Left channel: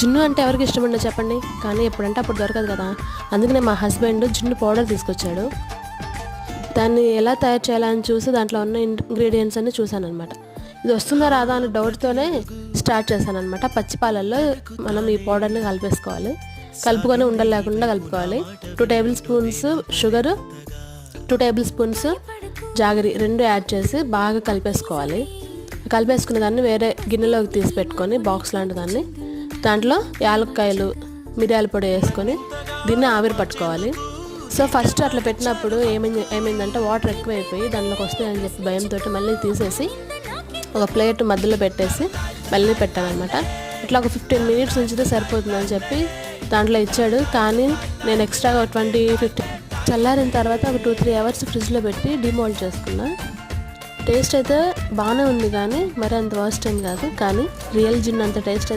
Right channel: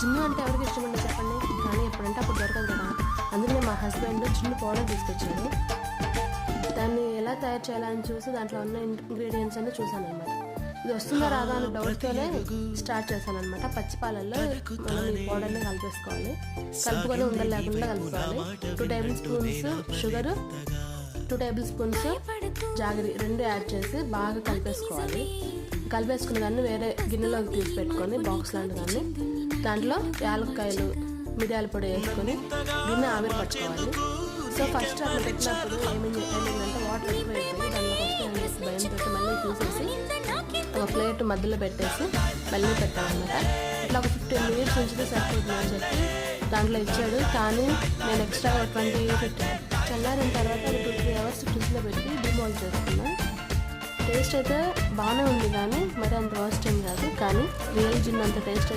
జున్ను అంటే ఎవరికి ఇష్టం ఉండదు చెప్పండి, కానీ ఎప్పుడంటే అప్పుడు దొరకదు కదా. అందుకనే మా హస్బెండ్ జున్ను పౌడర్ తీసుకొచ్చాడు. దాన్ని ఎలా తయారు చేయాలని చూసి దాంట్లో ఉన్న ఇంగ్రీడియంట్స్ అన్ని చూశాను అనమాట. ఇది వస్తుందా రాదా అనే డౌట్తోనే స్టార్ట్ చేశాను అనమాట. పచ్చిపాలల్లో మనం ఈ పౌడర్ని కలిపేసుకోవాలి. కలుపుకొని ఉండలు లేకుండా కలుపుకోవాలి. 2 table spoons sugar, 2 table spoons jaggery 2 add చేసి బాగా కలిపేసుకోవాలి. కలిపేసుకున్న దాన్ని వేరే గిన్నెలోకి తీసి పెట్టుకొని బాక్స్ లాంటి దాన్ని, దాంట్లో యాలక్కాయలు, మిరియాల పొడి వేసుకొని దీన్ని ఆవిరి పట్టుకోవాలి. సో ఫస్ట్ అట్లా పెట్టినప్పుడు ఏమైందంటే వాటర్ ఎక్కువైపోయి దానిలోకి వస్తాయని చెప్పి భయంతో మళ్ళీ తీసేసి ఒక ప్లేట్ మధ్యలో పెట్టేసి మళ్ళీ పెట్టామన్నమాట. ఇట్లా ఒక 15 మినిట్స్ ఉంచితే సరిపోతుందని చెప్పి దాంట్లో ఇచ్చాడు. కానీ నేను ఎక్స్ట్రా 20-15 చల్లారిన తర్వాత ఒక 2-3 అవర్స్ ఫ్రిడ్జ్లో పెట్టి డిమోల్డ్ చేసుకున్నా. టేస్ట్ అయితే బాగానే ఉంది, కానీ మరి అంత వర్స్ట్ ఏం కాదు. కానీ రియల్ జిన్ అంత టేస్ట్